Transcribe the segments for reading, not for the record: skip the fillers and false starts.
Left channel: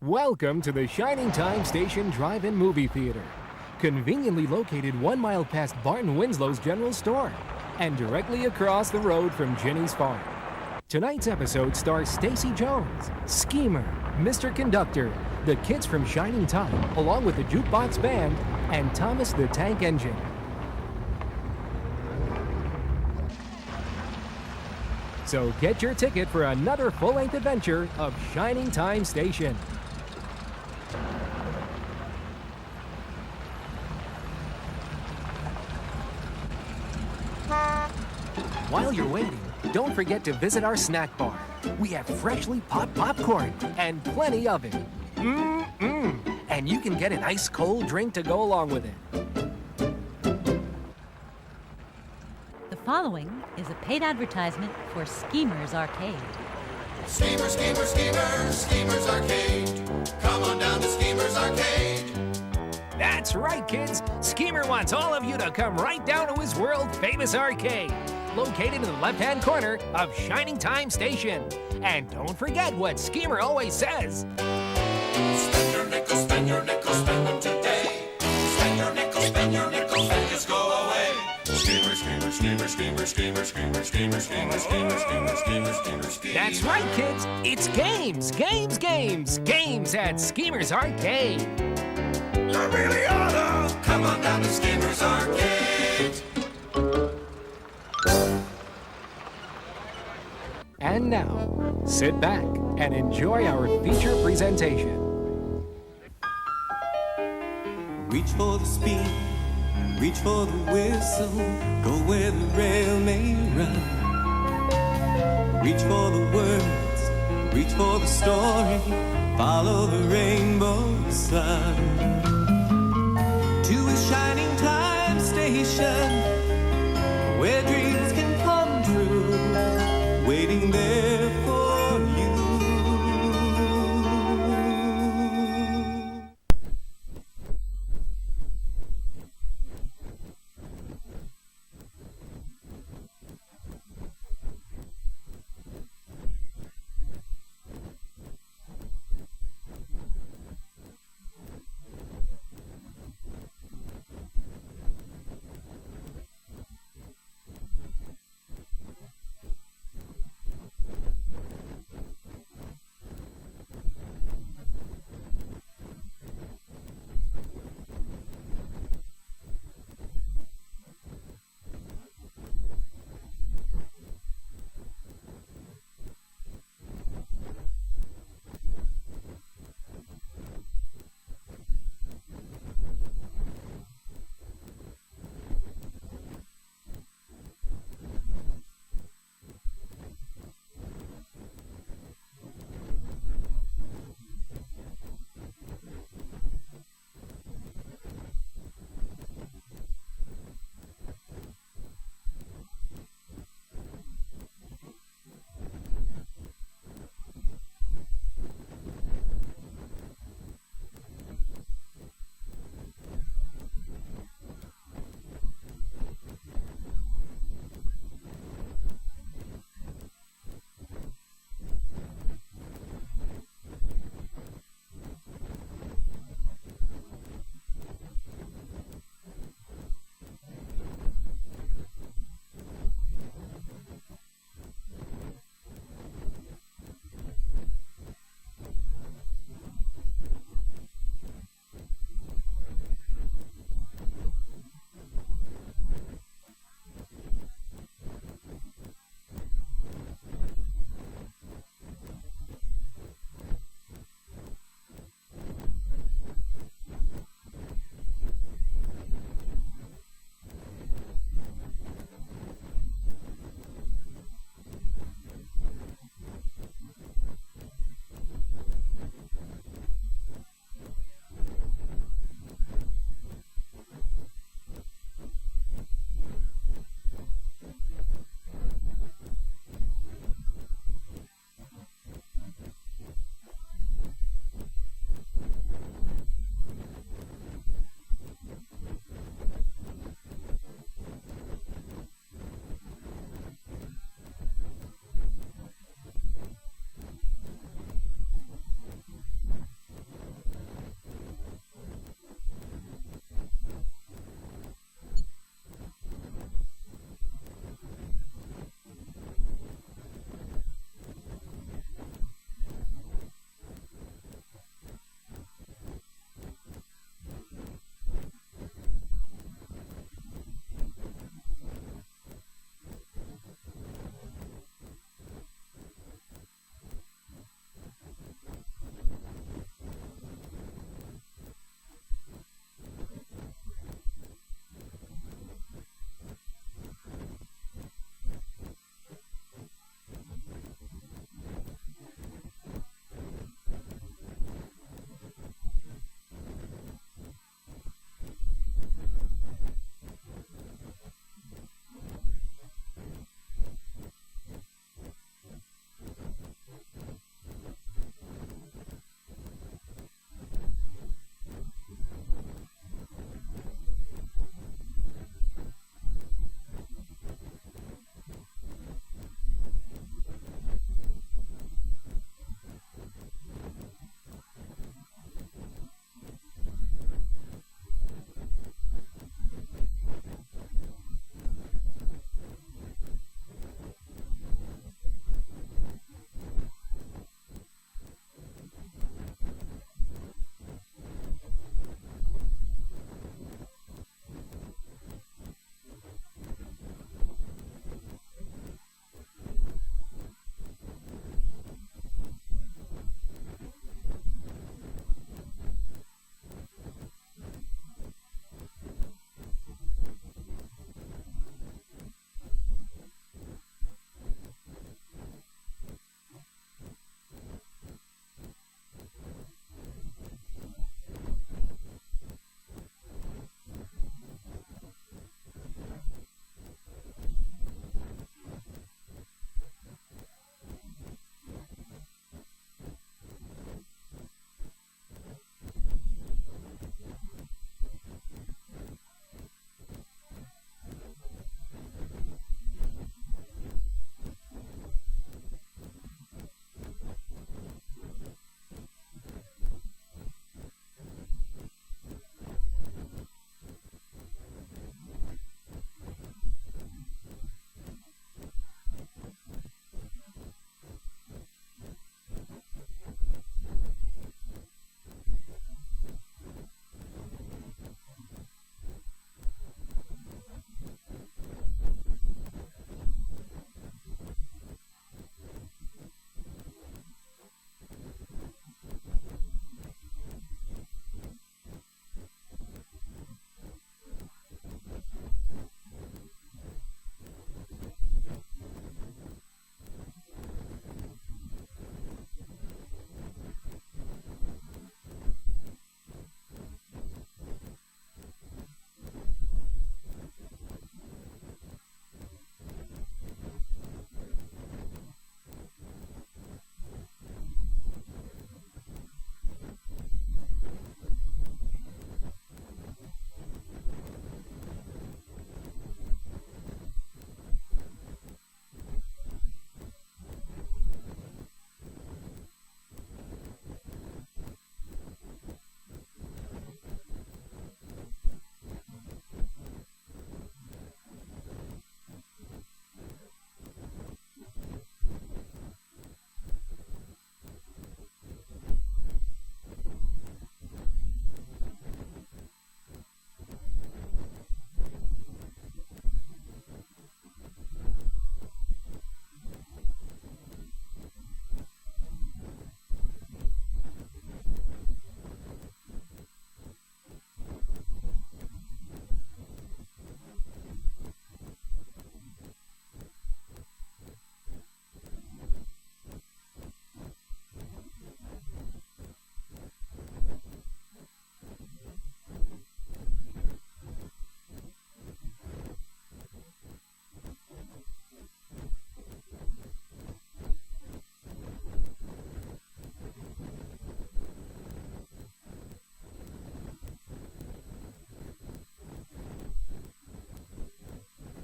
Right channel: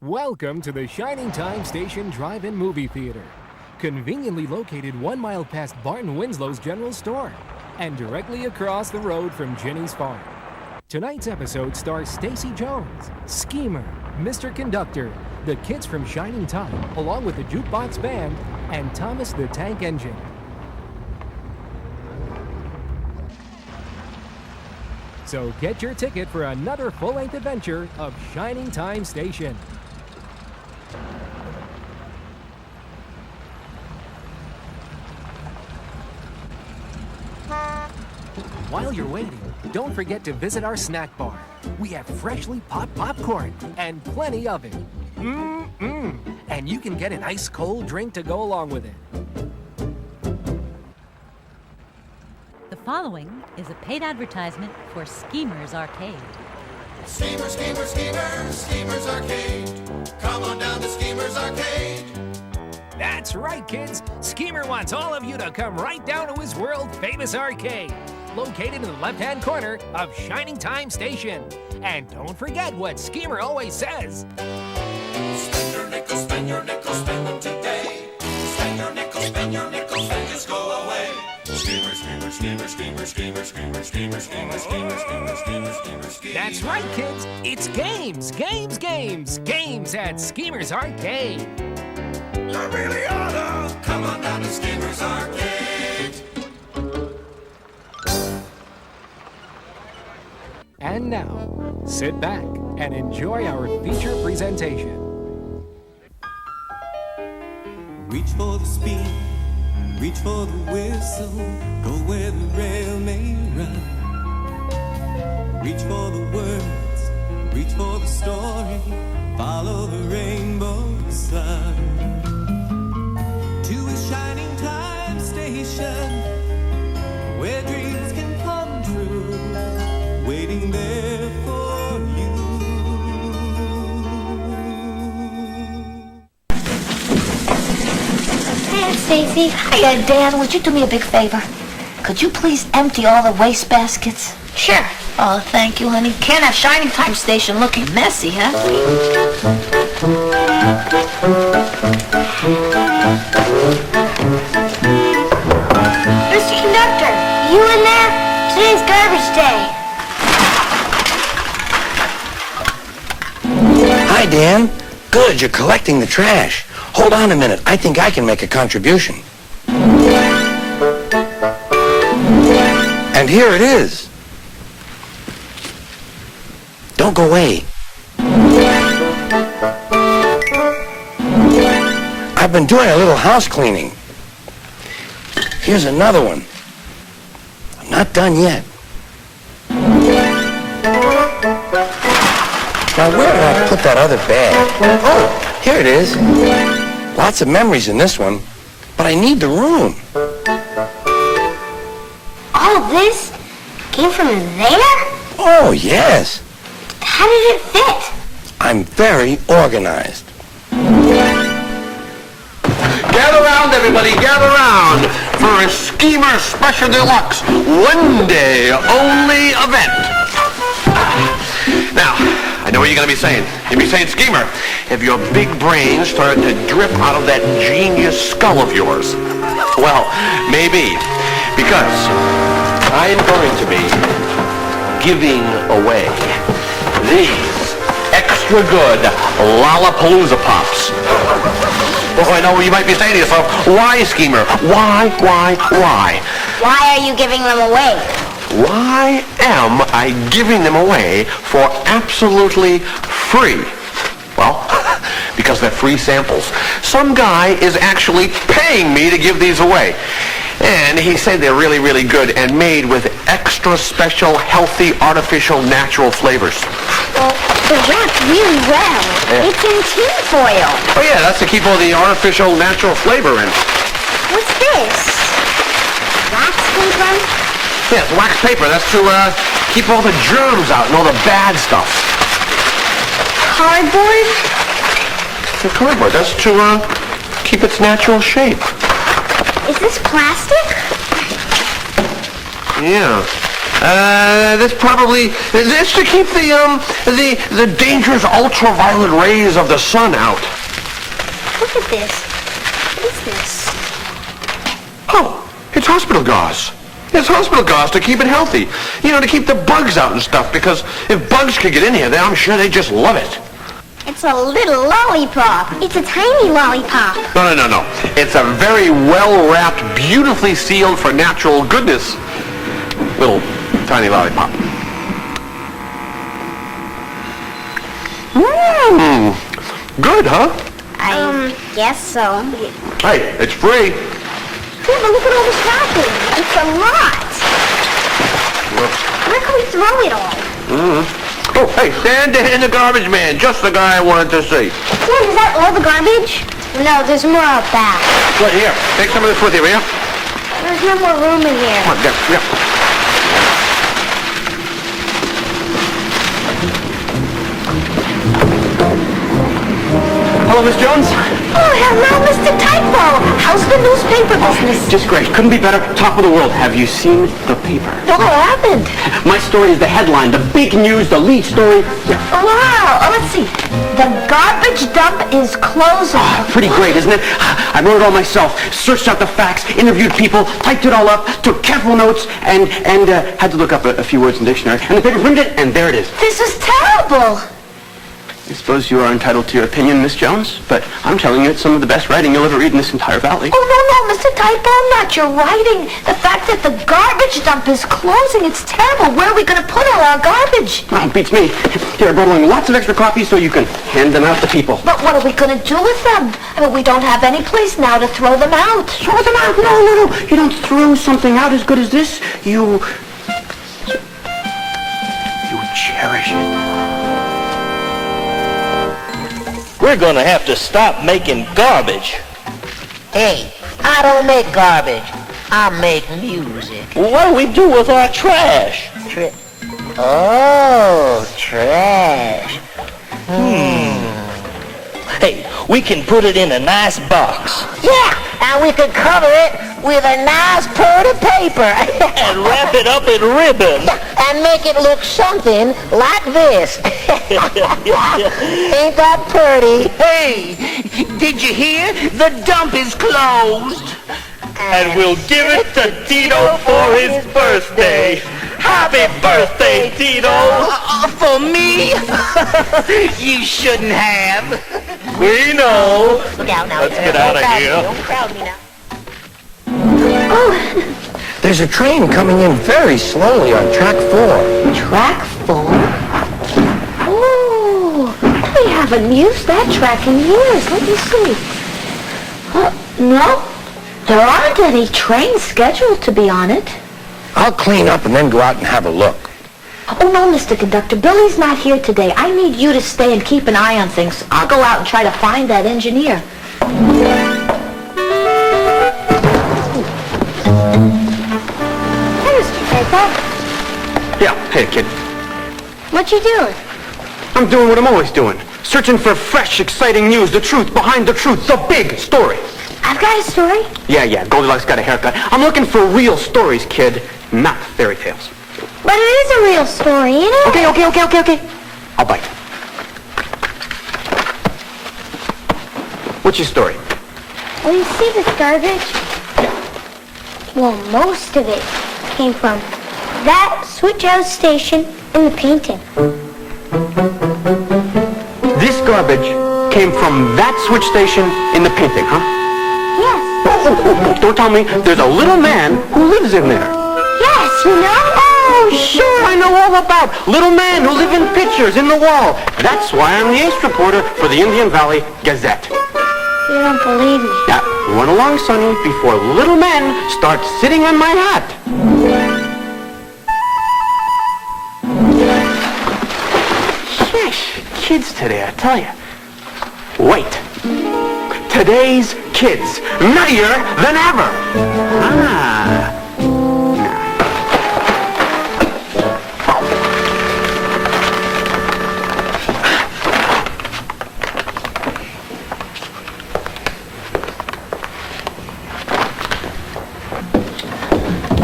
Welcome to the Shining Time Station Drive-In Movie Theater, conveniently located 1 mile past Barton Winslow's General Store and directly across the road from Ginny's Farm. Tonight's episode stars Stacy Jones, Schemer, Mr. Conductor, the kids from Shining Time, along with the Juke Box Band, and Thomas the Tank Engine. So get your ticket for another full-length adventure of Shining Time Station. While you're waiting, don't forget to visit our snack bar. We have freshly popped popcorn and plenty of it. And you can get an ice cold drink to go along with it. The following is a paid advertisement for Schemer's Arcade. Schemer, Schemer, Schemer, Schemer's Arcade. Come on down to Schemer's Arcade. That's right, kids. Schemer wants all of you to come right down to his world-famous arcade, located in the left-hand corner of Shining Time Station. And don't forget what Schemer always says. Spend your nickels, spend your nickels, spend them today. Spend your nickels, spend your nickels, and just go away. Schemer, Schemer, Schemer, Schemer, Schemer, Schemer, Schemer, Schemer, Schemer, Schemer, Schemer, Schemer, Schemer. That's right, kids. It's games, games, games, games at Schemer's Arcade. You really oughta come on down to Schemer's Arcade. And now, sit back and enjoy our feature presentation. Reach for the speed, reach for the whistle, go where the rail may run. Reach for the words, reach for the story, follow the rainbow sun. To a shining time station, where dreams can come true, waiting there for you. Hey, Stacy. Hiya, Dan. Would you do me a big favor? Could you please empty all the waste baskets? Sure. Oh, thank you, honey. Can't have Shining Time Station looking messy, huh? Mr. Conductor, you in there? Today's garbage day. Hi, Dan. Good, you're collecting the trash. Hold on a minute. I think I can make a contribution. And here it is. Don't go away. I've been doing a little house cleaning. Here's another one. I'm not done yet. Now, where did I put that other bag? Oh, here it is. Lots of memories in this one, but I need the room. All this came from there? Oh, yes. How did it fit? I'm very organized. Gather round, everybody, gather round for a Schemer Special Deluxe one-day only event. Now, I know what you're going to be saying. You'll be saying, Schemer, have your big brain started to drip out of that genius skull of yours? Well, maybe, because I am going to be giving away these extra good Lollapalooza Pops. Oh, I know what you might be saying to yourself. Why, Schemer? Why? Why are you giving them away? Why am I giving them away for absolutely free? Well, because they're free samples. Some guy is actually paying me to give these away. And he said they're really, really good and made with extra special, healthy, artificial, natural flavors. Well, they're wrapped really well. Yeah. It's in tin foil. Oh, yeah, that's to keep all the artificial, natural flavor in. What's this? Wax paper? Yeah, it's wax paper. That's to keep all the germs out and all the bad stuff. Cardboard? The cardboard. That's to keep its natural shape. Is this plastic? Yeah. This to keep the dangerous ultraviolet rays of the sun out. Look at this. What is this? Oh, it's hospital gauze. It's hospital gauze to keep it healthy. You know, to keep the bugs out and stuff, because if bugs could get in here, then I'm sure they just love it. It's a little lollipop. It's a tiny lollipop. No. It's a very well-wrapped, beautifully sealed for natural goodness little tiny lollipop. Good, huh? I guess so. Hey, it's free. Yeah, but look at all this wrapping. It's a lot. Where can we throw it all? Oh, hey, stand in the garbage man. Just the guy I wanted to see. Dad, is that all the garbage? No, there's more out back. Right here. Take some of this with you, will you? There's no more room in here. Come on, yeah. Hello, Miss Jones. Oh, hello, Mr. Typo. How's the newspaper business? Just great. Couldn't be better. Top of the world. Have you seen the paper? No, I haven't. My story is the headline, the big news, the lead story. Yeah. Wow. Oh, let's see. The garbage dump is closing. Pretty great, isn't it? I wrote it all myself. Searched out the facts, interviewed people, typed it all up, took careful notes, and had to look up a few words in the dictionary. And the paper printed it, and there it is. This is terrible. I suppose you are entitled to your opinion, Miss Jones, but I'm telling you it's some of the best writing you'll ever read in this entire valley. Oh, no, Mr. Typo, not your writing. The fact that the garbage dump is closing, it's terrible. Where are we going to put all our garbage? Well, it beats me. Here, I brought along lots of extra copies so you can hand them out to people. But what are we going to do with them? I mean, we don't have any place now to throw them out. Throw them out? No. You don't throw something out as good as this. You cherish it. We're gonna have to stop making garbage. Hey, I don't make garbage. I make music. Well, what do we do with our trash? Trash. Hey, we can put it in a nice box. Yeah, and we could cover it with a nice pretty paper. And wrap it up in ribbon. And make it look something like this. Ain't that pretty? Hey, did you hear? The dump is closed. And we'll give it to Tito for his birthday. Happy birthday, Tito! For me? You shouldn't have. We know. Now, Let's get out of here. Don't crowd me now. Oh, There's a train coming in very slowly on track 4. track 4? Oh, we haven't used that track in years. Let me see. No, there aren't any trains scheduled to be on it. I'll clean up and then go out and have a look. Oh, no, Mr. Conductor. Billy's not here today. I need you to stay and keep an eye on things. I'll go out and try to find that engineer. Hey, Mr. Typo. Yeah, hey, kid. What you doing? I'm doing what I'm always doing. Searching for fresh, exciting news, the truth behind the truth, the big story. I've got a story. Yeah, Goldilocks got a haircut. I'm looking for real stories, kid, not fairy tales. But it is a real story, you know? Okay. I'll bite. What's your story? Well, you see this garbage? Well, most of it came from that switch out station in the painting. This garbage came from that switch station in the painting, huh? Yes. Don't tell me there's a little man who lives in there. Yes, you know? Oh, sure, I know all about little men who live in pictures in the wall. That's why I'm the ace reporter for the Indian Valley Gazette. You don't believe me. Now, run along, Sonny, before little men start sitting on my hat. Sheesh, kids today, I tell you. Wait. Today's kids, nuttier than ever.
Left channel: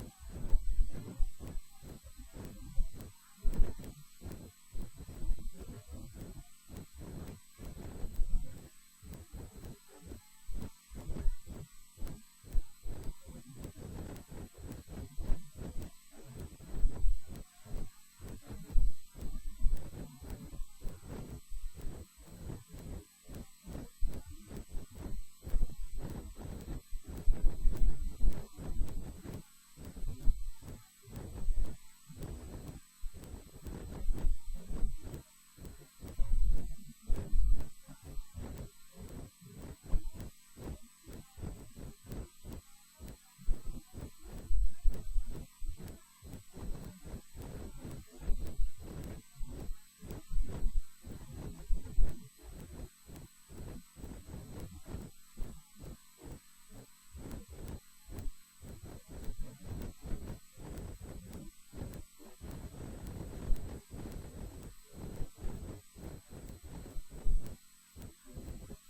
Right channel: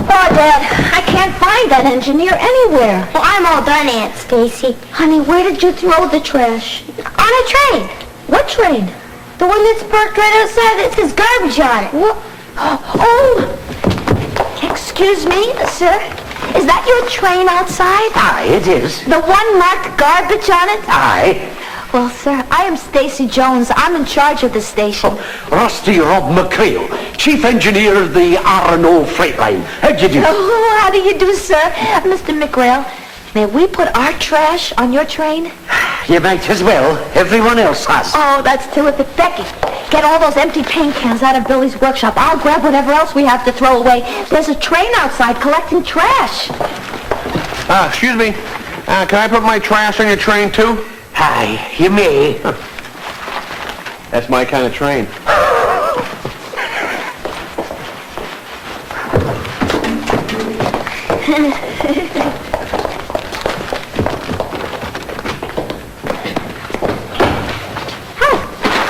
Oh, Dad, I can't find that that engineer anywhere. Well, I'm all done, Aunt Stacy. Honey, where did you throw the trash? On a train. What train? The one that's parked right outside that says garbage on it. What? Oh! Excuse me, sir. Is that your train outside? Aye, it is. The one marked garbage on it? Aye. Well, sir, I am Stacy Jones. I'm in charge of the station. Rusty Rob McCrail, Chief Engineer of the R&O Freight Line. How'd you do? Oh, how do you do, sir? Mr. McRail, may we put our trash on your train? You might as well. Everyone else has. Oh, that's terrific. Becky, get all those empty paint cans out of Billy's workshop. I'll grab whatever else we have to throw away. There's a train outside collecting trash. Excuse me. Can I put my trash on your train, too? Aye, you may. That's my kind of train.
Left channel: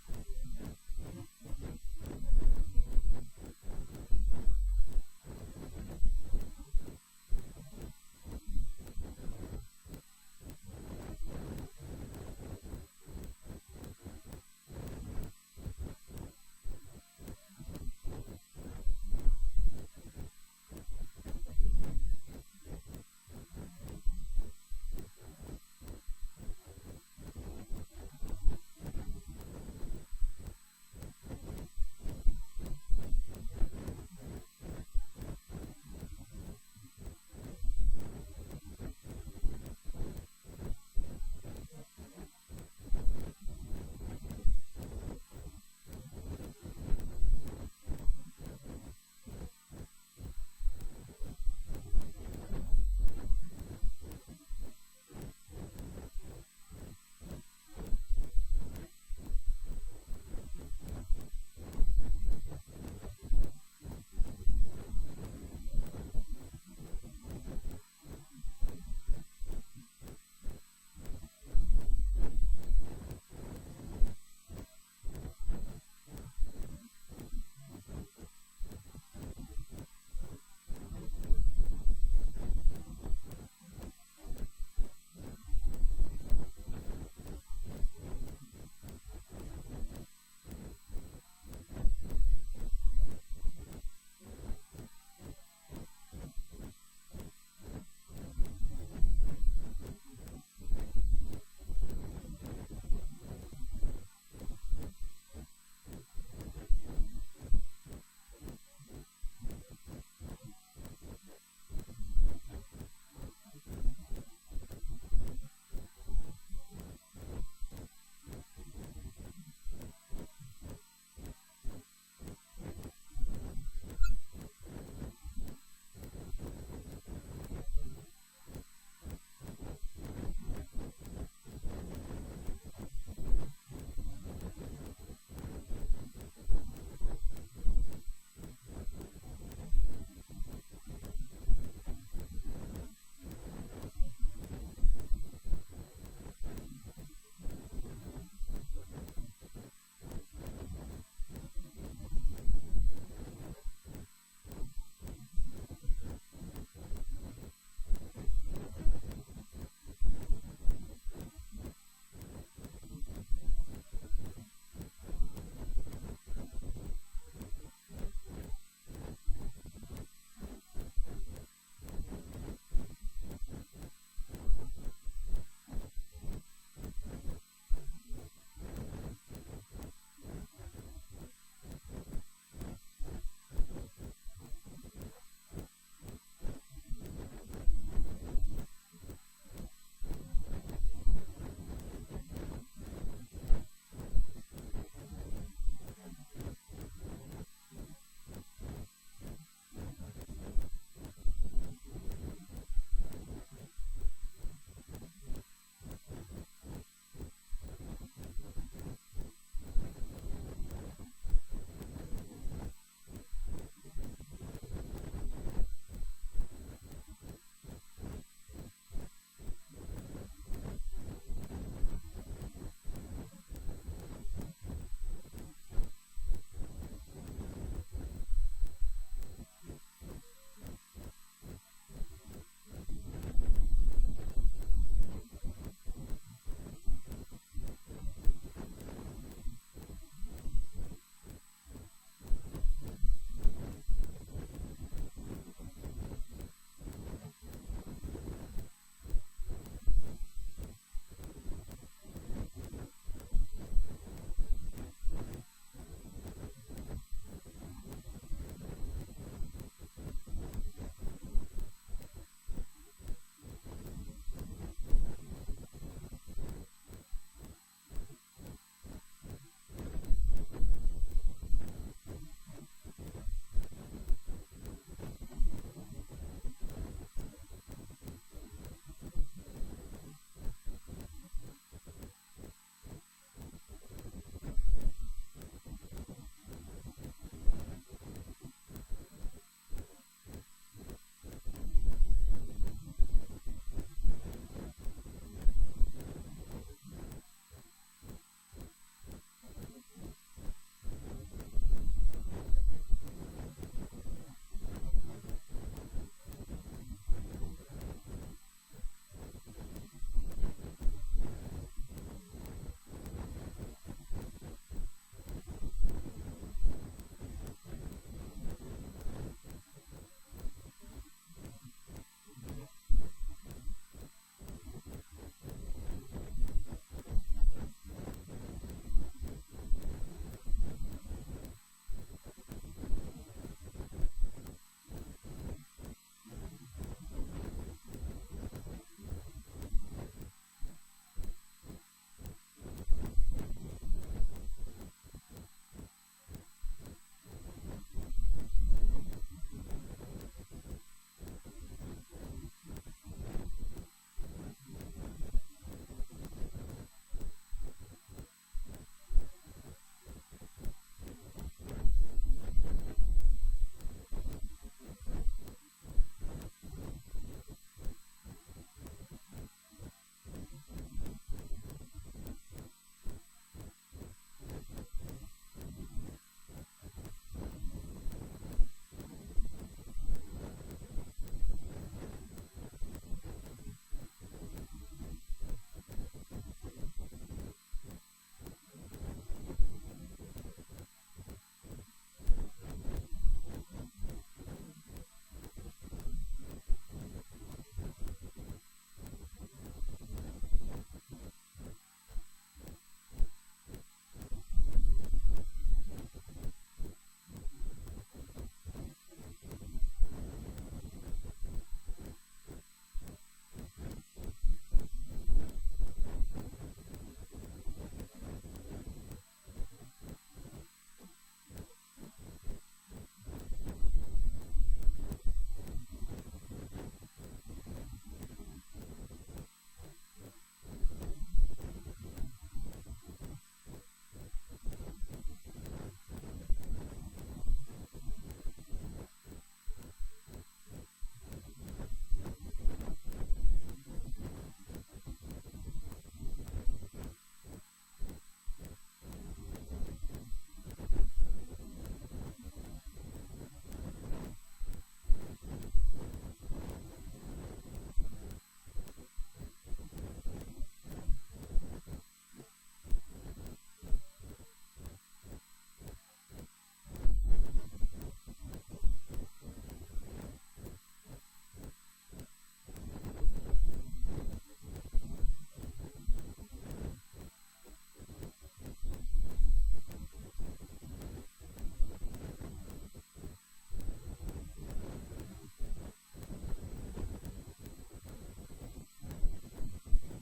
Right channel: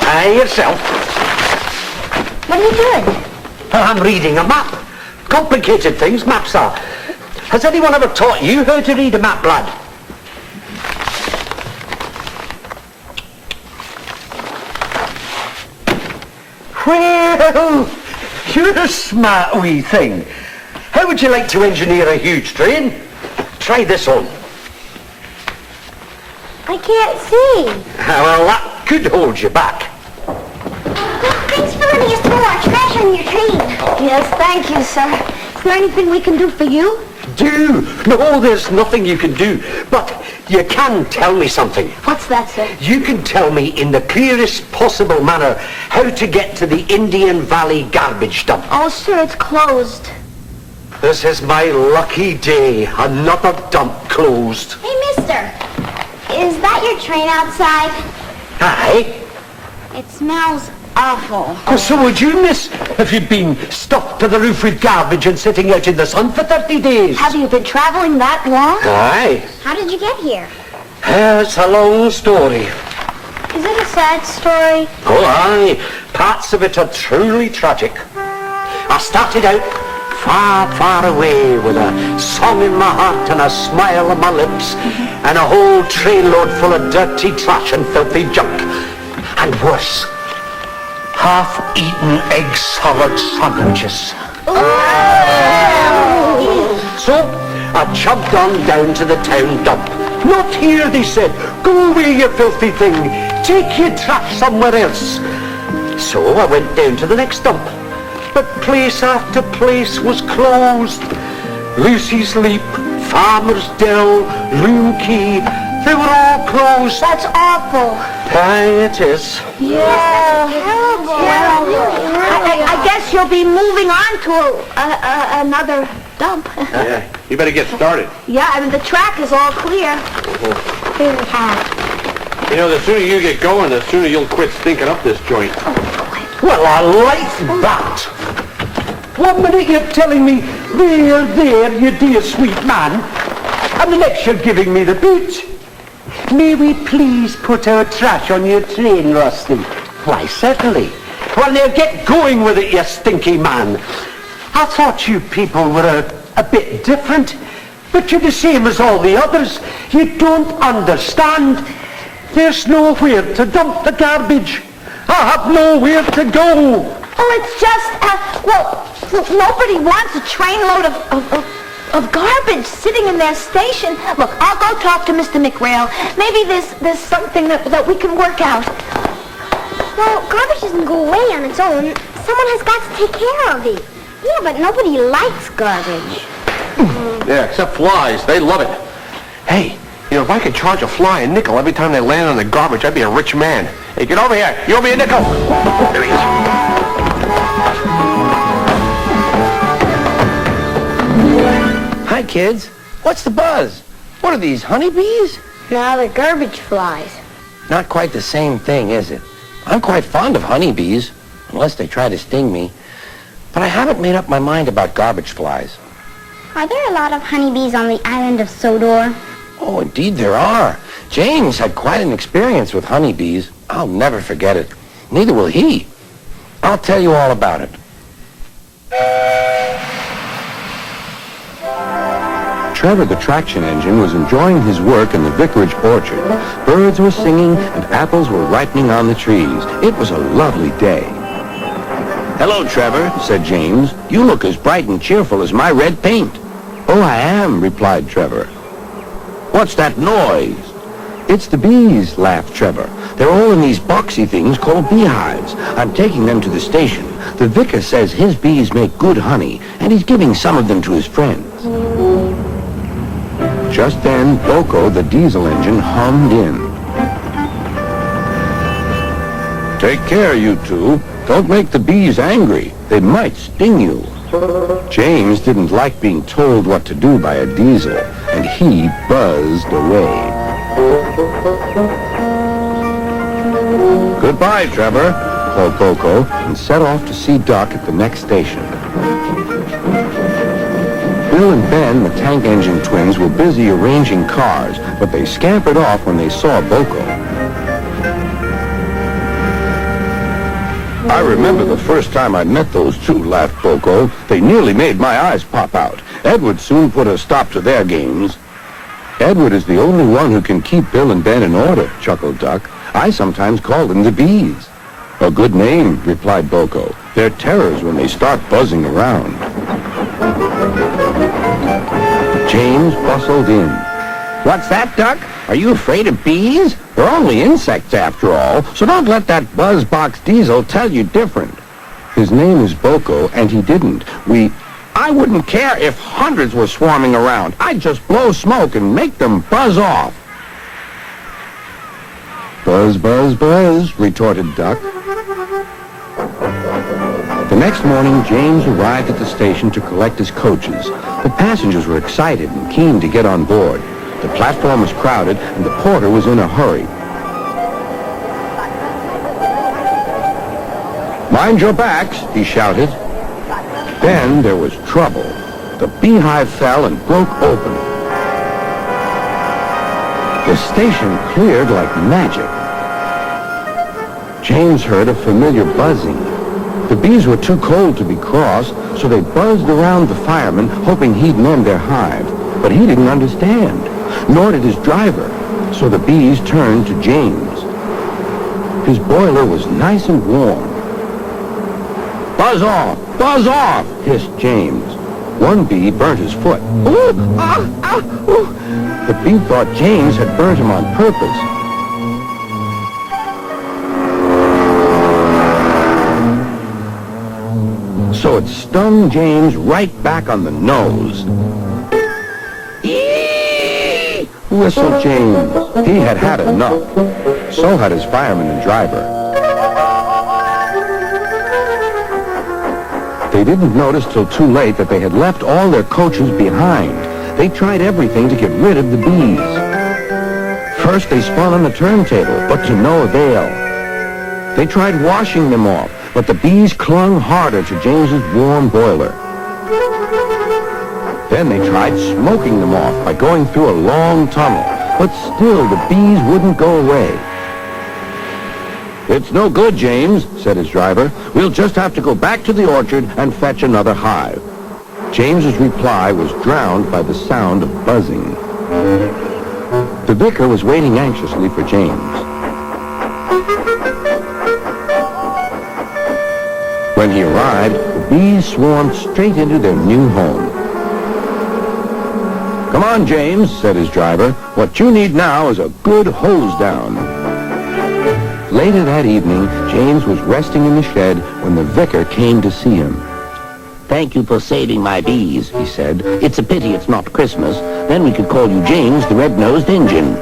Aye, yourself. What are you doing? I'm reading a map. Complicated things maps are. Has anyone ever taught you how to read a map, lad? Well, you're a smart wee thing. How would you like to engineer a huge train? Try this on. I can't see. Well, that could hold you back. Thanks for letting us throw our trash on your train. Yes, thank you, sir. Is there anything we can do for you? Do? No, there's nothing you can do. But you can tell me something. What's that, sir? You can tell me in the clearest possible manner how to get to the Indian Valley garbage dump. Oh, sir, it's closed. This is my lucky day. Another dump closed. Hey, mister. Is that your train outside? Aye. It smells awful. Oh, so would you, miss, if you'd been stuffed to the roof with garbage and sitting out in the sun for 30 days? Have you been traveling that long? Aye. How did you get here? It's a long story. Is it a sad story? Oh, aye. Parts of it are truly tragic. I started out far, far away with a song in my heart and a smile on my lips and a whole trainload full of dirty trash and filthy junk. And worse, half-eaten egg salad sandwiches. So I chugged on down to the town dump. Not here, they said. Go away, you filthy thing. Take your trash somewhere else. So I went down to the next dump. But place after place was closed. Lucy's Leap, Farmer's Dell, Loom Key, they were all closed. That's awful. Aye, it is. Yeah. Terrible. I guess you'll be moving on to another dump. Yeah, you better get started. Yeah, I mean, the track is all clear. You know, the sooner you get going, the sooner you'll quit stinking up this joint. Well, I like that. 1 minute you're telling me, there, you dear sweet man, and the next you're giving me the boot. May we please put our trash on your train, Rusty? Why, certainly. Well, now get going with it, you stinky man. I thought you people were a bit different, but you're the same as all the others. You don't understand. There's nowhere to dump the garbage. I have nowhere to go. Oh, it's just, nobody wants a trainload of garbage sitting in their station. Look, I'll go talk to Mr. McRail. Maybe there's something that we can work out. Well, garbage doesn't go away on its own. Someone has got to take care of it. Yeah, but nobody likes garbage. Yeah, except flies. They love it. Hey, you know, if I could charge a fly a nickel every time they land on the garbage, I'd be a rich man. Hey, get over here. You owe me a nickel. There he is. Hi, kids. What's the buzz? What are these, honeybees? Now they're garbage flies. Not quite the same thing, is it? I'm quite fond of honeybees, unless they try to sting me. But I haven't made up my mind about garbage flies. Are there a lot of honeybees on the island of Sodor? Oh, indeed there are. James had quite an experience with honeybees. I'll never forget it. Neither will he. I'll tell you all about it. Trevor the traction engine was enjoying his work in the vicarage orchard, birds were singing and apples were ripening on the trees. It was a lovely day. "Hello, Trevor," said James. "You look as bright and cheerful as my red paint." "Oh, I am," replied Trevor. "What's that noise?" "It's the bees," laughed Trevor. "They're all in these boxy things called beehives. I'm taking them to the station. The vicar says his bees make good honey, and he's giving some of them to his friends." Just then, Boko, the diesel engine, hummed in. "Take care, you two. Don't make the bees angry. They might sting you." James didn't like being told what to do by a diesel, and he buzzed away. "Goodbye, Trevor," called Boko, and set off to see Duck at the next station. Bill and Ben, the tank engine twins, were busy arranging cars, but they scampered off when they saw Boko. "I remember the first time I met those two," laughed Boko. "They nearly made my eyes pop out. Edward soon put a stop to their games." "Edward is the only one who can keep Bill and Ben in order," chuckled Duck. "I sometimes call them the bees." "A good name," replied Boko. "They're terrors when they start buzzing around." James bustled in. "What's that, Duck? Are you afraid of bees? They're only insects after all, so don't let that buzzbox diesel tell you different." "His name is Boko, and he didn't. I wouldn't care if hundreds were swarming around. I'd just blow smoke and make them buzz off." "Buzz, buzz, buzz," retorted Duck. The next morning, James arrived at the station to collect his coaches. The passengers were excited and keen to get on board. The platform was crowded, and the porter was in a hurry. "Mind your backs," he shouted. Then there was trouble. The beehive fell and broke open. The station cleared like magic. James heard a familiar buzzing. The bees were too cold to be cross, so they buzzed around the fireman, hoping he'd mend their hive. But he didn't understand, nor did his driver, so the bees turned to James. His boiler was nice and warm. "Buzz off," hissed James. One bee burnt his foot. "Ooh, ah, ah, ooh." The bee thought James had burnt him on purpose. So it stung James right back on the nose. "Eee!" whistled James. He had had enough. So had his fireman and driver. They didn't notice till too late that they had left all their coaches behind. They tried everything to get rid of the bees. First they spun on the turntable, but to no avail. They tried washing them off, but the bees clung harder to James's warm boiler. Then they tried smoking them off by going through a long tunnel, but still the bees wouldn't go away. "It's no good, James," said his driver. "We'll just have to go back to the orchard and fetch another hive." James's reply was drowned by the sound of buzzing. The vicar was waiting anxiously for James. When he arrived, the bees swarmed straight into their new home. "Come on, James," said his driver. "What you need now is a good hose down." Later that evening, James was resting in the shed when the vicar came to see him. Thank you for saving my bees, he said. It's a pity it's not Christmas. Then we could call you James the Red-Nosed Engine.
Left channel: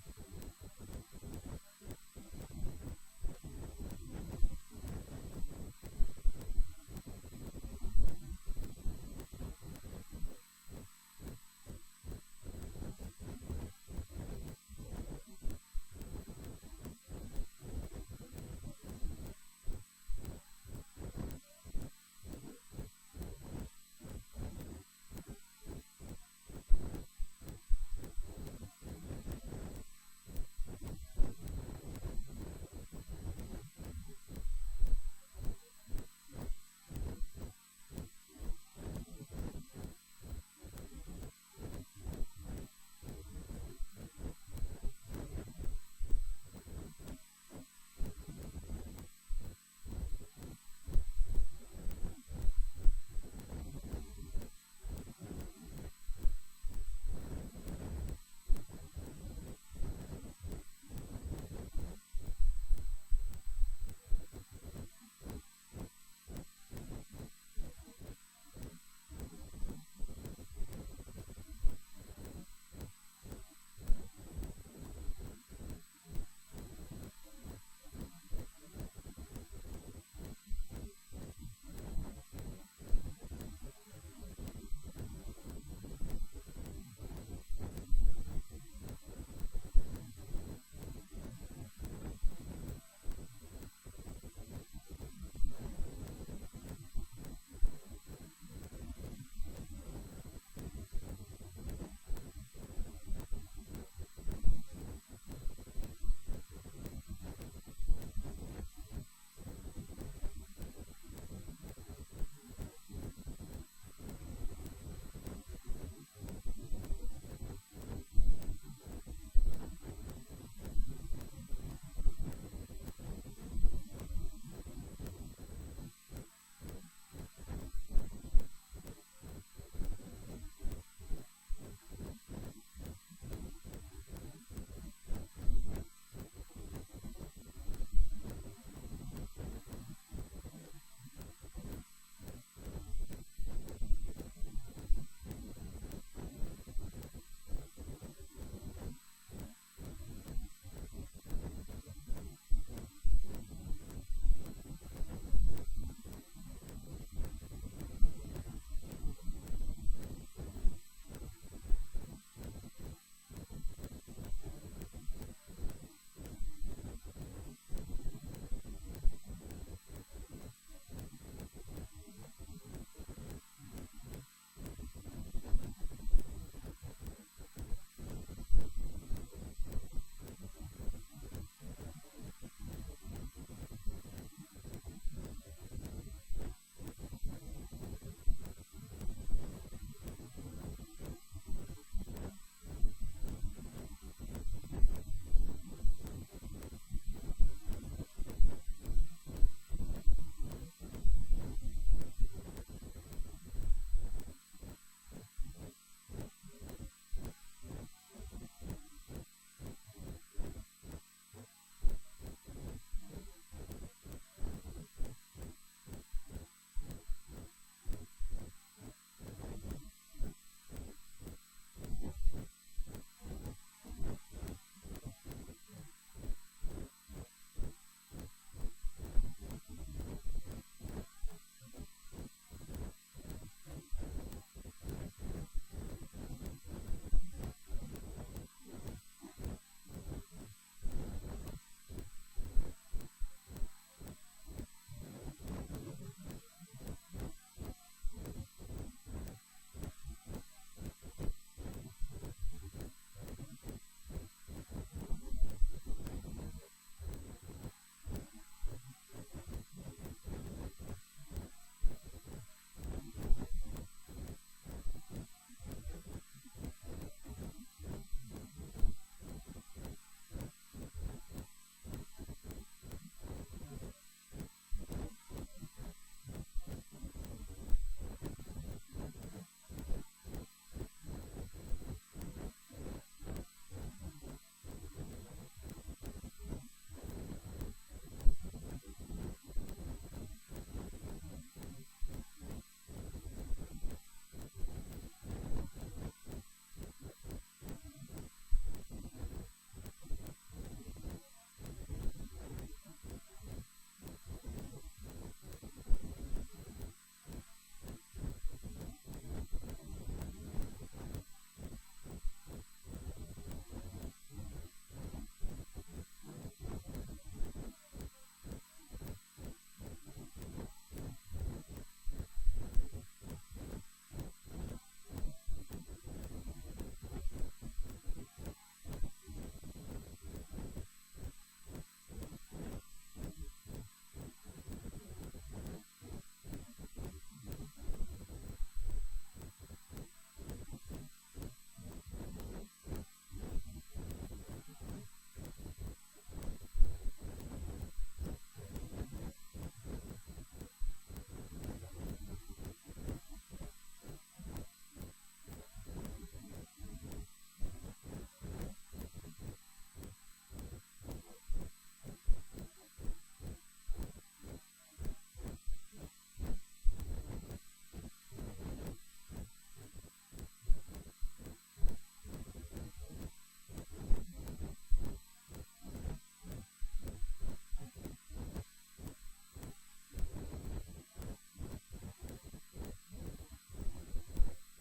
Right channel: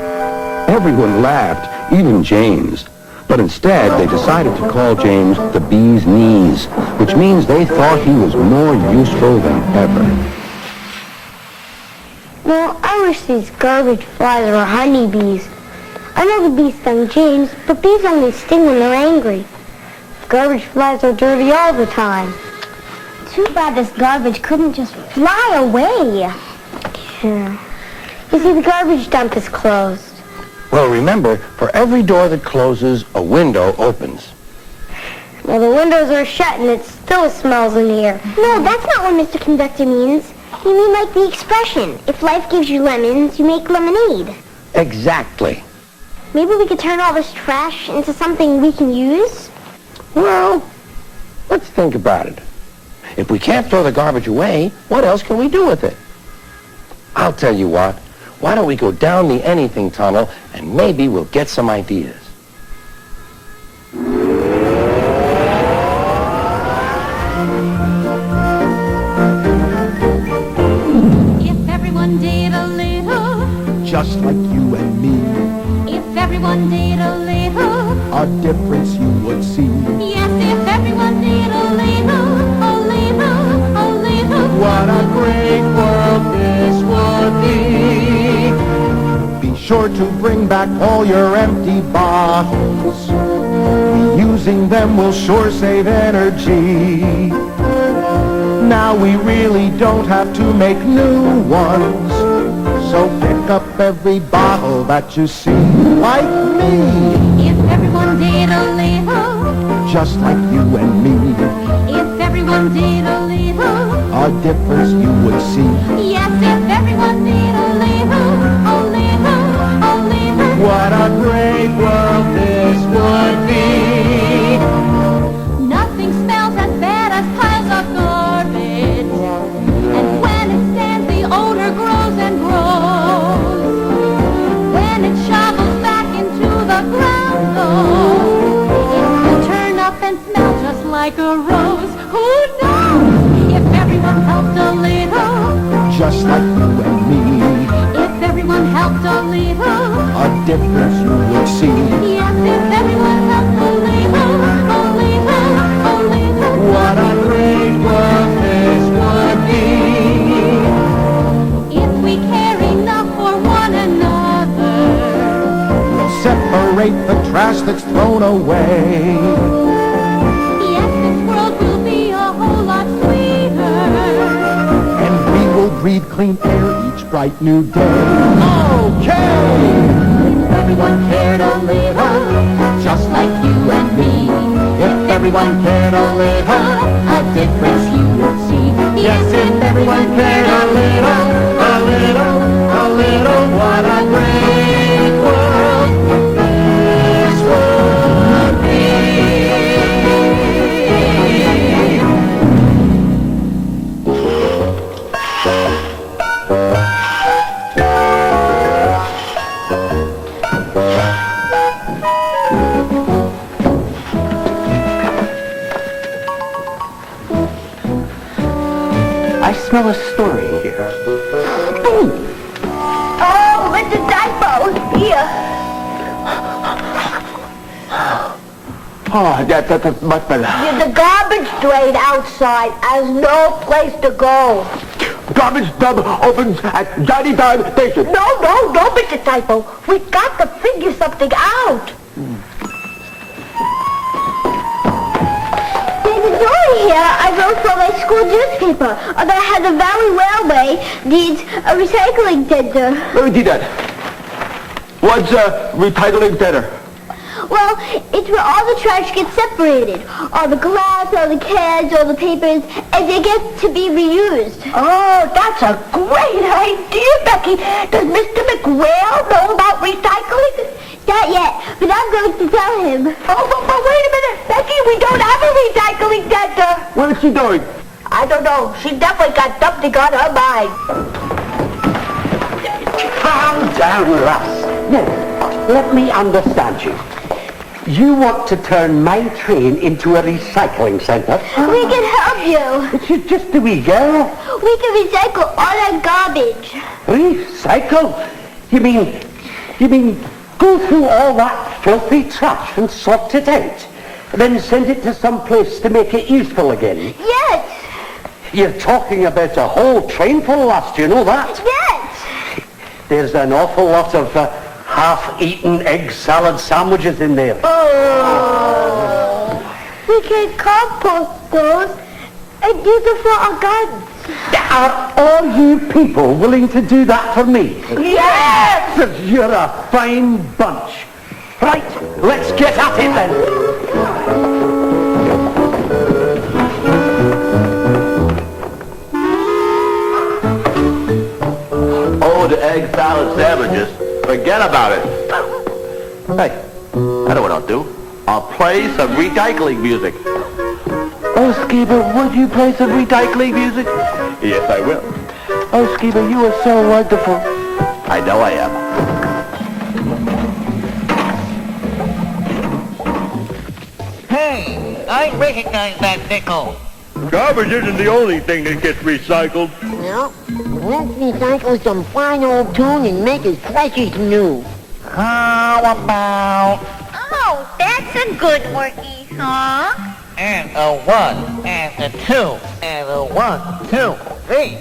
Everyone laughed, even James. But instead, they decided to call James the Bee's Knees, which means they thought he was more useful than ever. Well, I wish these garbage flies were honeybees. I know the bees stung James, but bees only sting when they're angry. Garbage flies are dirty all the time. Too bad this garbage couldn't just fly away. Yeah. You see, the garbage dump is closed. Well, remember, for every door that closes, a window opens. Well, the windows are shut and it still smells in here. No, that's not what Mr. Conductor means. You mean like the expression, if life gives you lemons, you make lemonade. Exactly. Maybe we could turn all this trash into something we can use? Well, let's think about it. If we can't throw the garbage away, what else can we do with it? I'll tell you what. Why don't we go down the anything tunnel and maybe we'll get some ideas. If everyone did a little, just like you and me, if everyone did a little, a difference you would see. yes, if everyone did a little, a little, a little. What a great world this would be. Be sure to bring back all your empty bottles. Reusing them will sure save energy. Now we really don't have to make new ones. So pick up every bottle that you see, like me. If everyone did a little, Just like you and me, if everyone did a little, a difference you would see. yes, if everyone did a little, a little, a little. What a great world this would be. Nothing smells as bad as piles of garbage. And when it stands, the odor grows and grows. When it shovels back into the ground, though, it will turn up and smell just like a rose. Who knows? If everyone helped a little, Just like you and me, if everyone helped a little, a difference you would see. yes, if everyone helped a little, a little, a little. What a great world this would be. If we care enough for one another, We'll separate the trash that's thrown away. yes, this world will be a whole lot sweeter. And we will breathe clean air each bright new day. Okay! If everyone cared a little, Just like you and me. If everyone cared a little, a difference you would see. yes, if everyone cared a little, a little, a little, what a great world this would be. I smell a story here. Oh, Mr. Typo, here. Oh, that's much better. The garbage drain outside has no place to go. Garbage dump opens at Johnny Time Station. No, Mr. Typo. We got to figure something out. There's a story here I wrote for my school newspaper that how the Valley Railway needs a recycling center. Let me do that. What's recycling center? Well, it's where all the trash gets separated. All the glass, all the cans, all the papers, and they get to be reused. Oh, that's a great idea, Becky. Does Mr. McRail know about recycling? Not yet, but I'm going to tell him. Oh, but wait a minute, Becky, we don't have a recycling center. What is she doing? I don't know. She definitely got something on her mind. Calm down, lass. Now, let me understand you. You want to turn my train into a recycling centre? We can help you. It's just a wee girl. We can recycle all that garbage. Recycle? You mean go through all that filthy trash and sort it out, then send it to some place to make it useful again? Yes. You're talking about a whole train full, lass, do you know that? Yes. There's an awful lot of half-eaten egg salad sandwiches in there. Oh. We can compost those and use them for our gardens. Are all you people willing to do that for me? Yes! You're a fine bunch. Right, let's get at it then. egg salad sandwiches. Forget about it. Hey, I know what I'll do. I'll play some recycling music. Oh, Skeeter, would you play some recycling music? Yes, I will. Oh, Skeeter, you are so wonderful. I know I am. Hey, I recognize that nickel. Garbage isn't the only thing that gets recycled. Well, let's recycle some fine old tune and make it fresh as new. How about... Oh, that's a good worky song. And a 1, and a 2, and a 1, 2, 3.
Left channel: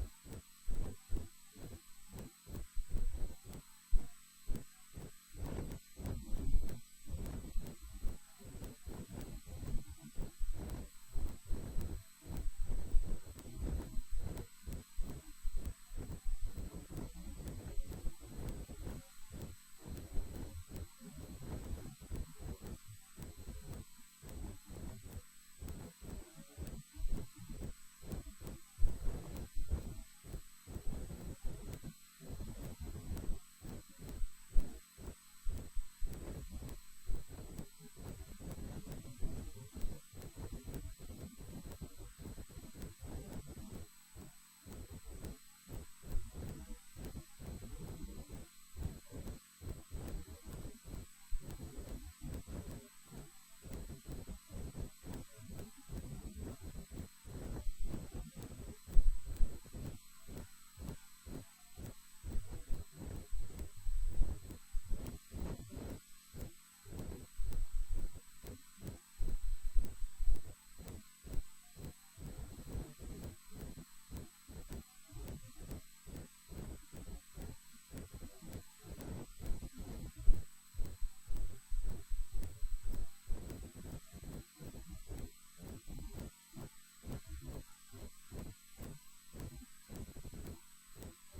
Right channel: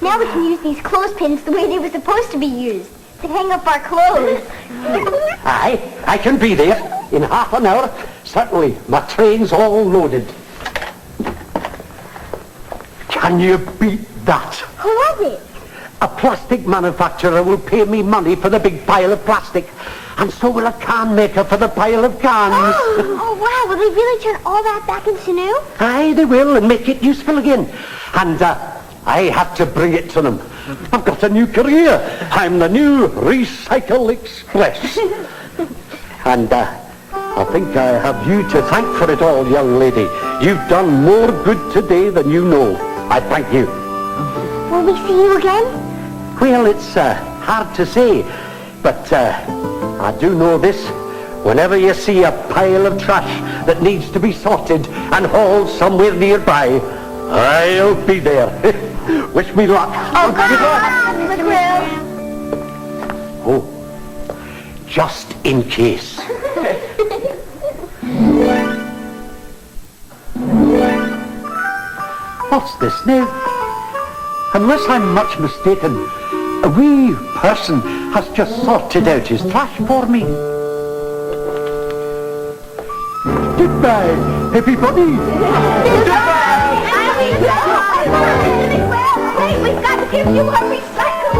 Now we can use these clothespins the way they were supposed to be used, to hang up our clothes. I can be there in half an hour. Certainly, my train's all loaded. Can you beat that? Who was it? A plastic manufacturer will pay me money for the big pile of plastic, and so will a can maker for the pile of cans. Oh, wow, will they really turn all that back into new? Aye, they will, and make it useful again. And I have to bring it to them. I've got a new career. I'm the new Recycle Express. And I think I have you to thank for it all, young lady. You've done more good today than you know. I thank you. Will we see you again? Well, it's hard to say, but I do know this. Whenever you see a pile of trash that needs to be sorted and hauled somewhere nearby, I'll be there. Wish me luck. Oh, good luck, McGrill. Oh, just in case. What's this now? Unless I'm much mistaken, a wee person has just sorted out his trash for me. Goodbye, everybody. Goodbye. Hey, we've got to give you a recycle.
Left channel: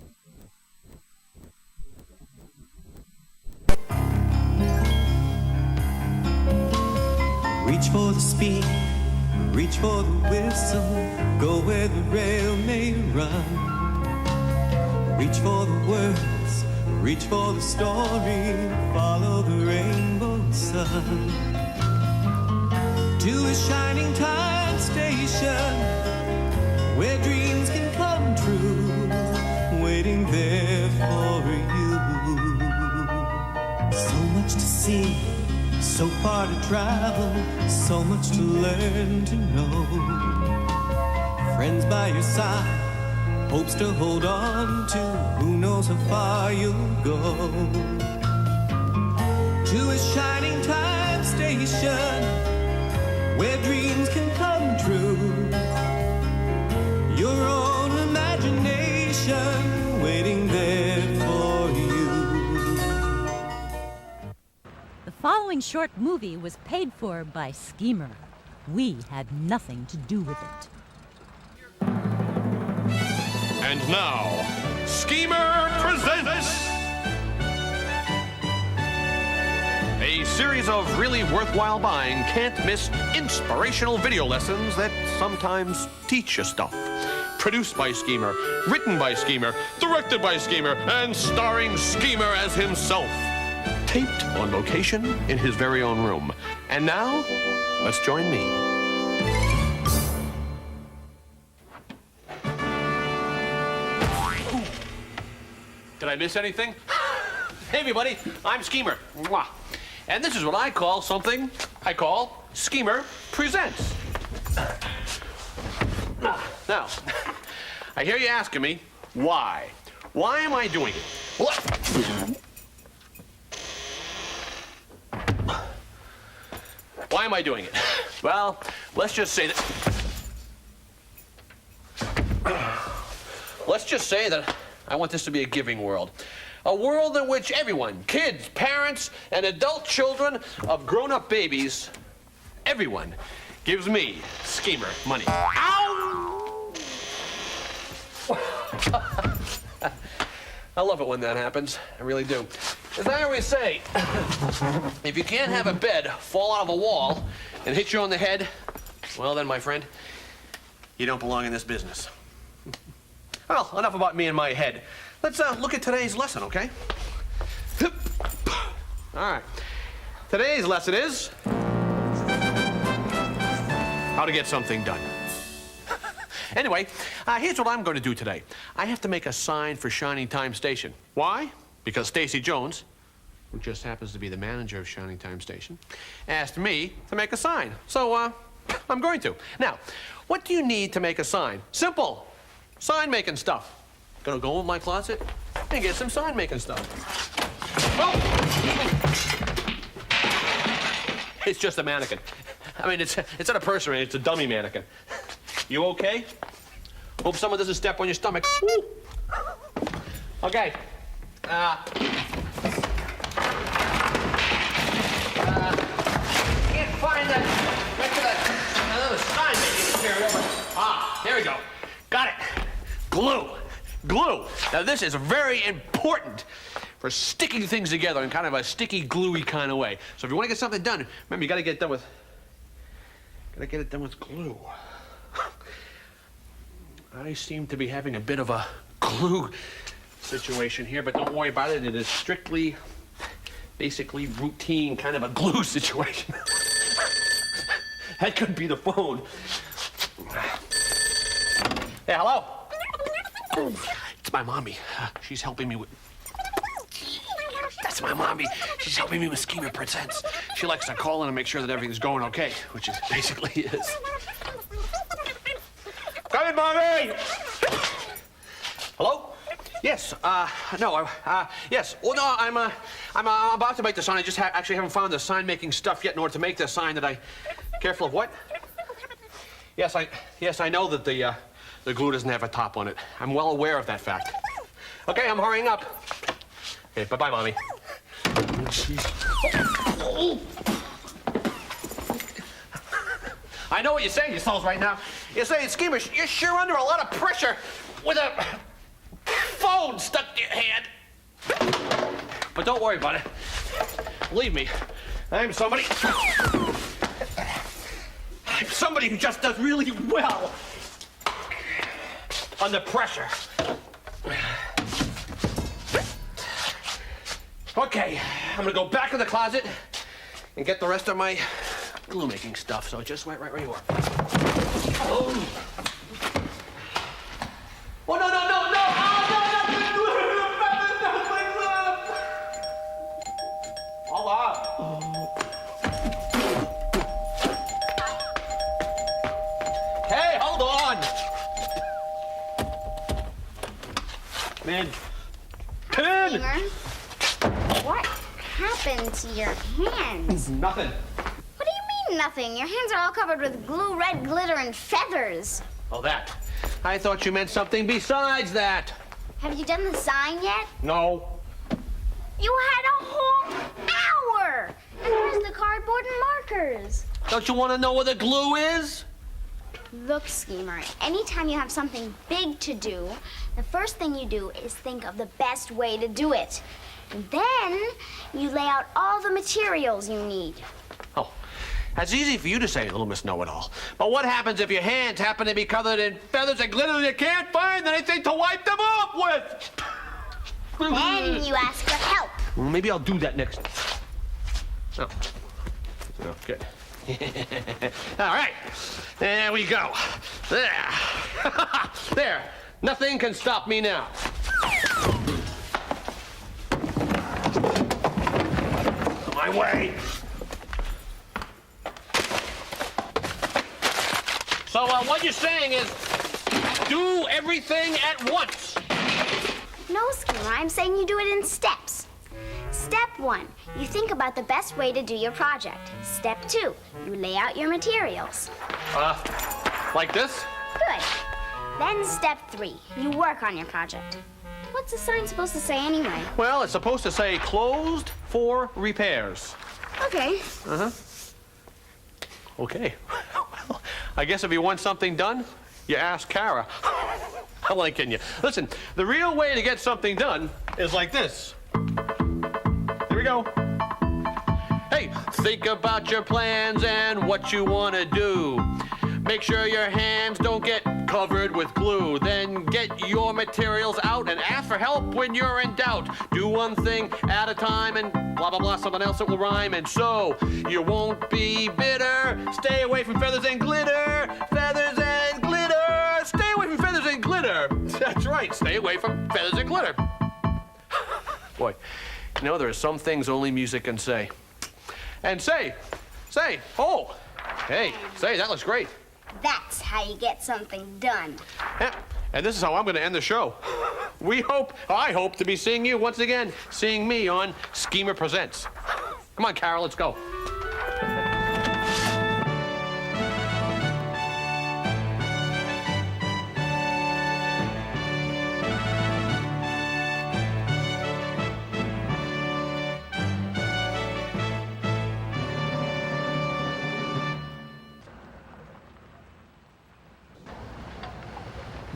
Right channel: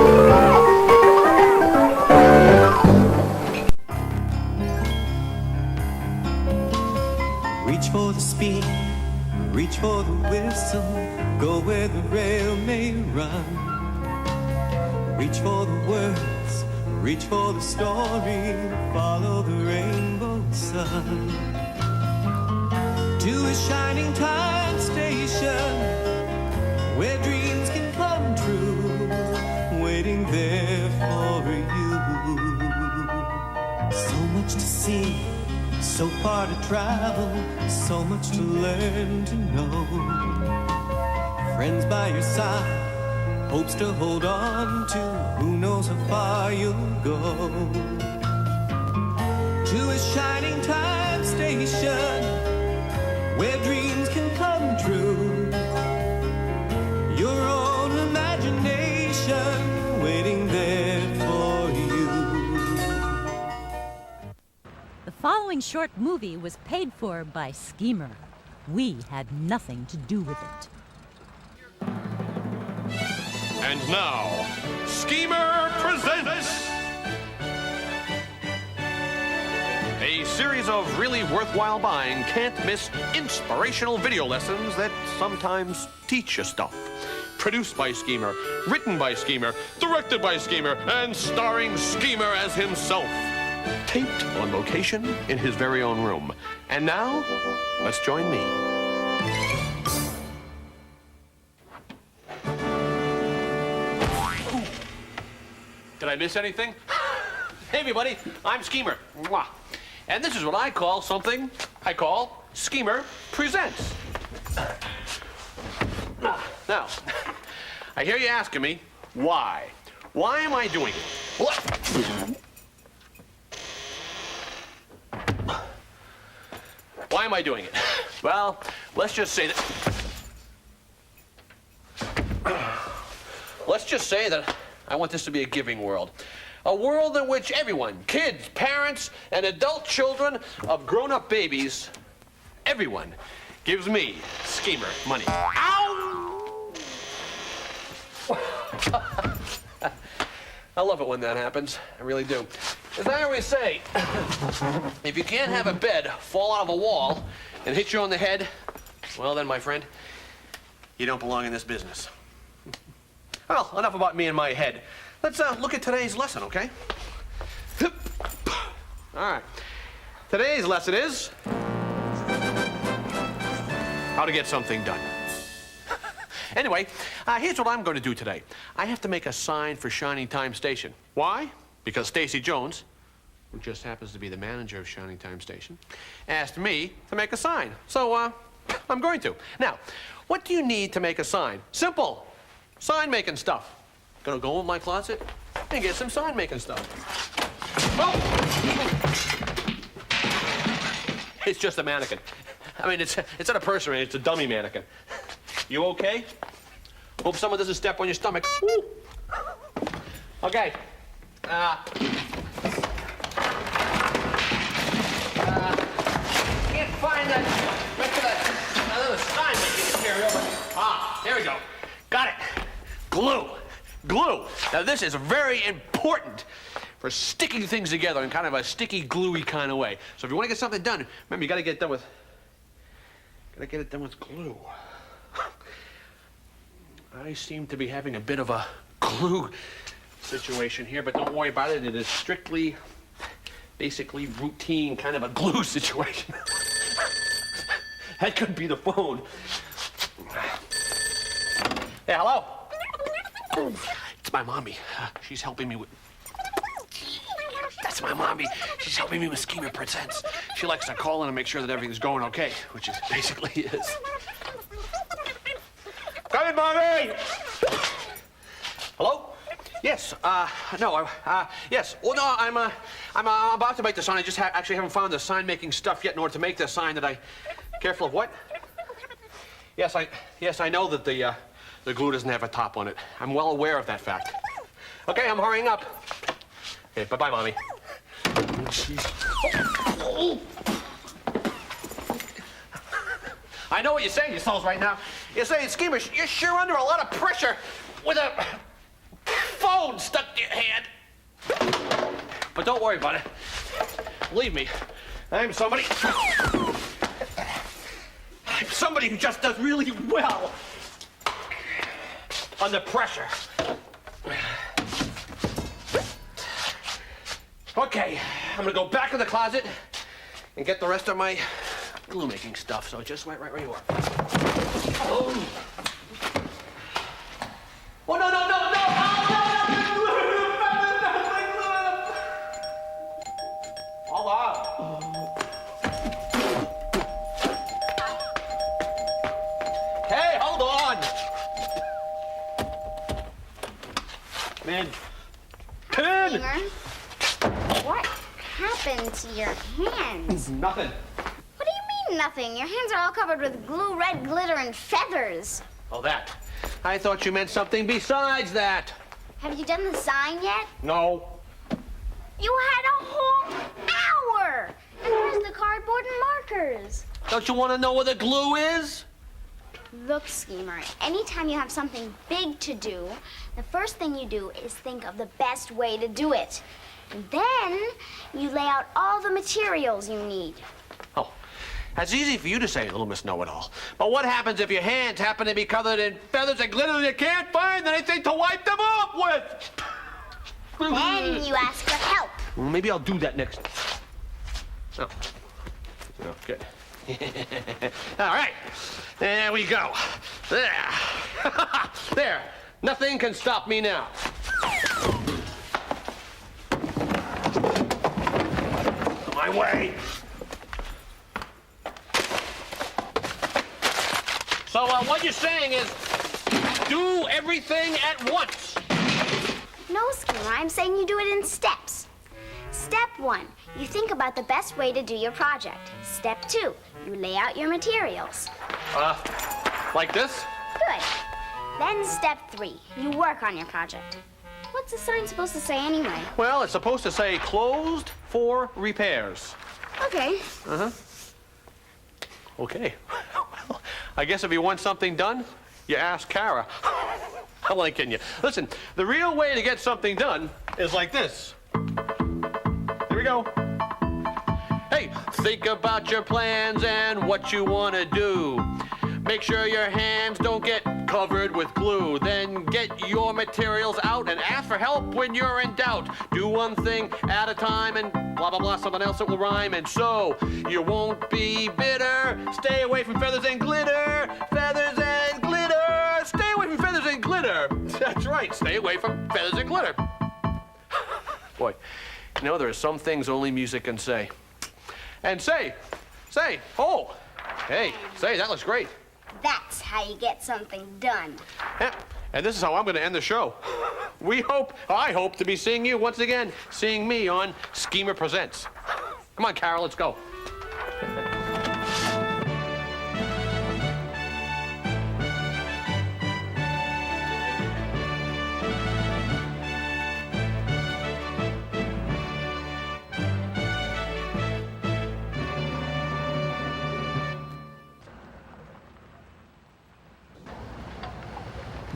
Reach for the speed, reach for the whistle, go where the rail may run. Reach for the words, reach for the story, follow the rainbow sun. To a shining time station, where dreams can come true, waiting there for you. So much to see, so far to travel, so much to learn to know. Friends by your side, hopes to hold on to, who knows how far you'll go. to a shining time station where dreams can come true. Your own imagination waiting there for you. The following short movie was paid for by Schemer. We had nothing to do with it. And now, Schemer presents a series of really worthwhile buying, can't-miss inspirational video lessons that sometimes teach you stuff. Produced by Schemer, written by Schemer, directed by Schemer, and starring Schemer as himself. Taped on location in his very own room. And now, let's join me. Did I miss anything? Hey, everybody, I'm Schemer. Mwah. And this is what I call something I call Schemer Presents. Now, I hear you asking me, why? Why am I doing it? Why am I doing it? Well, let's just say that I want this to be a giving world. A world in which everyone, kids, parents, and adult children of grown-up babies, everyone gives me, Schemer, money. Ow! I love it when that happens. I really do. As I always say, if you can't have a bed fall out of a wall and hit you on the head, well then, my friend, you don't belong in this business. Well, enough about me and my head. Let's look at today's lesson, okay? All right. Today's lesson is how to get something done. Anyway, here's what I'm going to do today. I have to make a sign for Shining Time Station. Why? Because Stacy Jones, who just happens to be the manager of Shining Time Station, asked me to make a sign. So, I'm going to. Now, what do you need to make a sign? Simple. Sign-making stuff. Gonna go in my closet and get some sign-making stuff. Oh! It's just a mannequin. I mean, it's not a person, it's a dummy mannequin. You okay? Hope someone doesn't step on your stomach. Woo. Okay. Can't find the rest of the sign-making material, but here we go. Got it. Glue. Glue. Now, this is very important for sticking things together in kind of a sticky, gluey kind of way. So if you want to get something done, remember, you got to get it done with glue. I seem to be having a bit of a glue situation here, but don't worry about it. It is strictly, basically routine kind of a glue situation. That could be the phone. Hey, hello? It's my mommy. She's helping me with... That's my mommy. She's helping me with Schemer Presents. She likes to call in and make sure that everything's going okay, which is basically is. Come in, mommy! Hello? Yes, yes. Oh, no, I'm about to make the sign. I just actually haven't found the sign-making stuff yet in order to make the sign that I... Careful of what? Yes, I know that the glue doesn't have a top on it. I'm well aware of that fact. Okay, I'm hurrying up. Okay, bye-bye, Mommy. I know what you're saying yourselves right now. You're saying, Schemer, you're sure under a lot of pressure with a phone stuck to your hand. But don't worry about it. Believe me, I'm somebody who just does really well under pressure. Okay, I'm gonna go back in the closet and get the rest of my glue-making stuff. So just right where you are. Oh, no! Oh, no! Hold on. Hey, hold on. Man. Pin! What happened to your hands? Nothing. What do you mean, nothing? Your hands are all covered with glue, red glitter, and feathers. Oh, that. I thought you meant something besides that. Have you done the sign yet? No. You had a whole hour! And where's the cardboard and markers? Don't you want to know where the glue is? Look, Schemer, anytime you have something big to do, the first thing you do is think of the best way to do it. And then you lay out all the materials you need. Oh, that's easy for you to say, little Miss Know-It-All. But what happens if your hands happen to be covered in feathers and glitter and you can't find anything to wipe them off with? Then you ask for help. Well, maybe I'll do that next. Oh. Oh, good. All right. There we go. There. There. Nothing can stop me now. My way. So what you're saying is do everything at once. No, Schemer, I'm saying you do it in steps. Step 1, you think about the best way to do your project. Step 2, you lay out your materials. Like this? Good. Then step 3, you work on your project. What's the sign supposed to say anyway? Well, it's supposed to say closed for repairs. Okay. Uh-huh. Okay. Well, I guess if you want something done, you ask Kara. I'm only kidding you. Listen, the real way to get something done is like this. Here we go. Hey, think about your plans and what you want to do. Make sure your hands don't get covered with glue. Then get your materials out and ask for help when you're in doubt. Do one thing at a time and blah, blah, blah, something else that will rhyme. And so you won't be bitter. Stay away from feathers and glitter. Feathers and glitter. Stay away from feathers and glitter. That's right. Stay away from feathers and glitter. Boy, you know, there are some things only music can say. And say, oh, hey, say, that looks great. That's how you get something done. Yeah, and this is how I'm going to end the show. I hope to be seeing you once again, seeing me on Schemer Presents. Come on, Carol, let's go.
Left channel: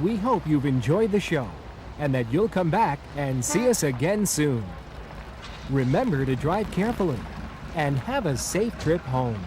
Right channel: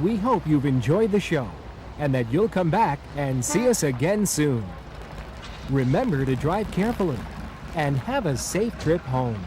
We hope you've enjoyed the show and that you'll come back and see us again soon. Remember to drive carefully and have a safe trip home.